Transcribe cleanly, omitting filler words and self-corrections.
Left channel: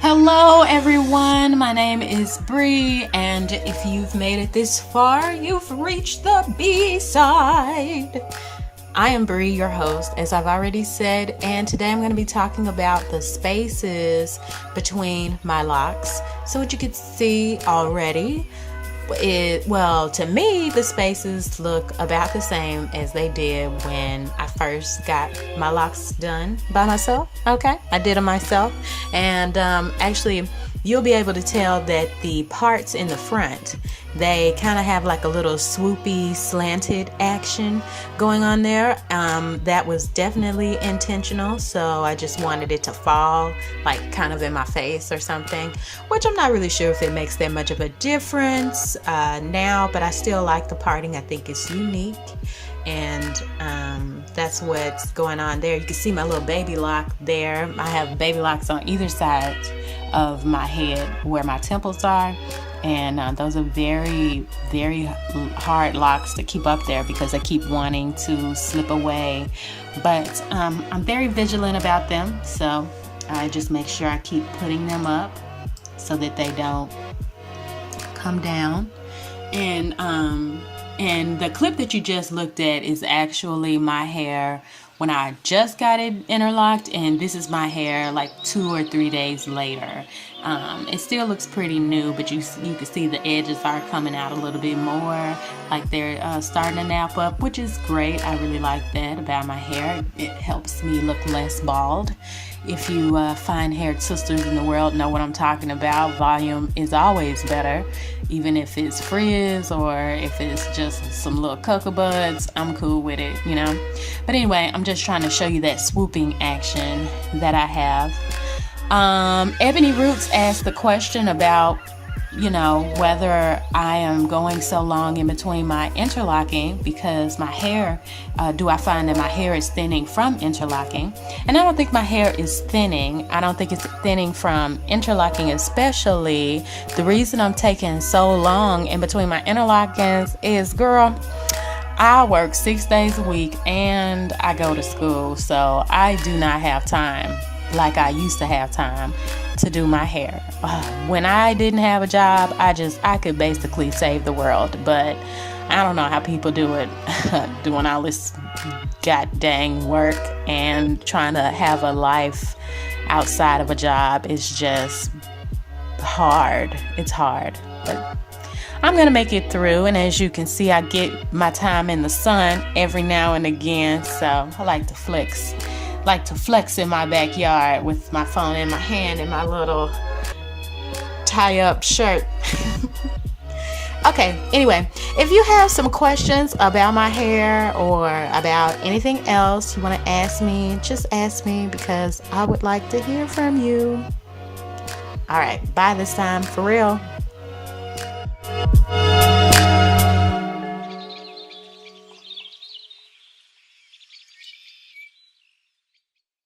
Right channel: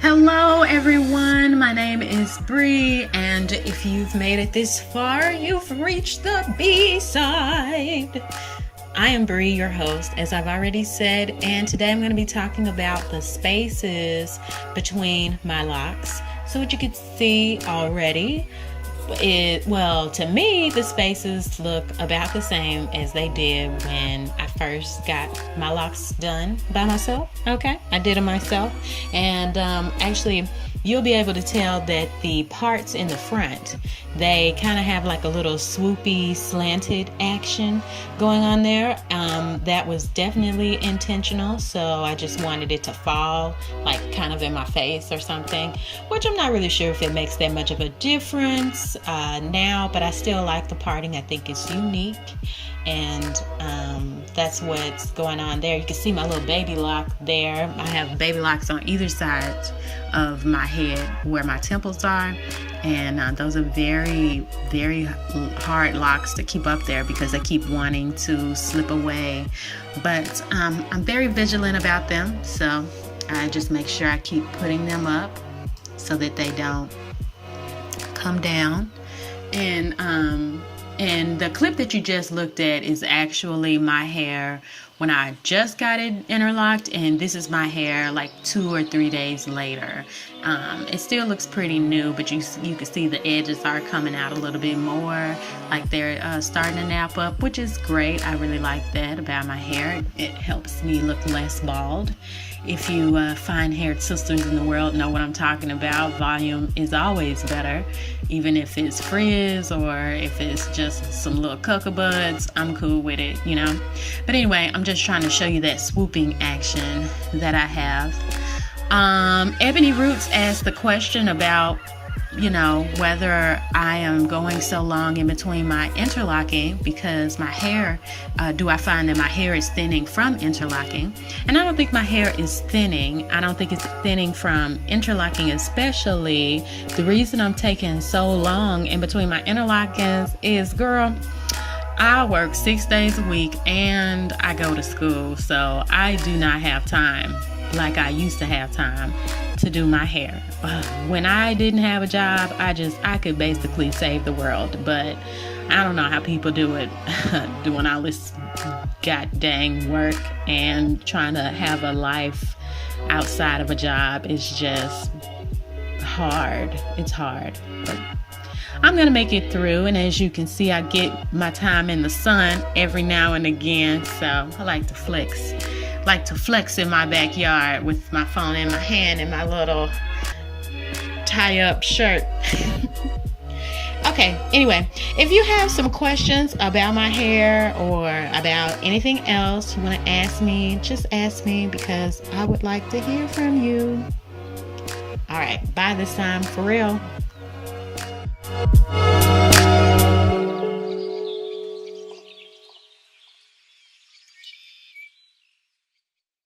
Hello everyone, my name is Bree, and if you've made it this far, you've reached the B-side. I am Bree, your host, as I've already said, and today I'm going to be talking about the spaces between my locks. So what you can see already, to me, the spaces look about the same as they did when I first got my locks done by myself. Okay, I did them myself, and actually, you'll be able to tell that the parts in the front, they kind of have like a little swoopy, slanted action going on there. That was definitely intentional, so I just wanted it to fall like kind of in my face or something, which I'm not really sure if it makes that much of a difference now, but I still like the parting. I think it's unique, and that's what's going on there. You can see my little baby lock there. I have baby locks on either side of my head where my temples are, and those are very, very hard locks to keep up there because they keep wanting to slip away, but I'm very vigilant about them, so I just make sure I keep putting them up so that they don't come down. And the clip that you just looked at is actually my hair when I just got it interlocked, and this is my hair like 2 or 3 days later. It still looks pretty new, but you can see the edges are coming out a little bit more, like they're starting to nap up, which is great. I really like that about my hair. It helps me look less bald. If you fine haired sisters in the world know what I'm talking about, volume is always better, even if it's frizz or if it's just some little cocoa buds. I'm cool with it, you know. But anyway, I'm just trying to show you that swooping action that I have. Ebony Roots asked the question about, you know, whether I am going so long in between my interlocking because my hair, do I find that my hair is thinning from interlocking? And I don't think my hair is thinning. I don't think it's thinning from interlocking especially. The reason I'm taking so long in between my interlockings is, girl, I work 6 days a week and I go to school, so I do not have time like I used to have time to do my hair. When I didn't have a job, I could basically save the world, but I don't know how people do it, doing all this god dang work and trying to have a life outside of a job is just hard. It's hard, but I'm gonna make it through, and as you can see, I get my time in the sun every now and again, so I like to flex in my backyard with my phone in my hand and my little tie-up shirt. Okay, anyway, if you have some questions about my hair or about anything else you want to ask me, just ask me because I would like to hear from you. All right, bye this time, for real.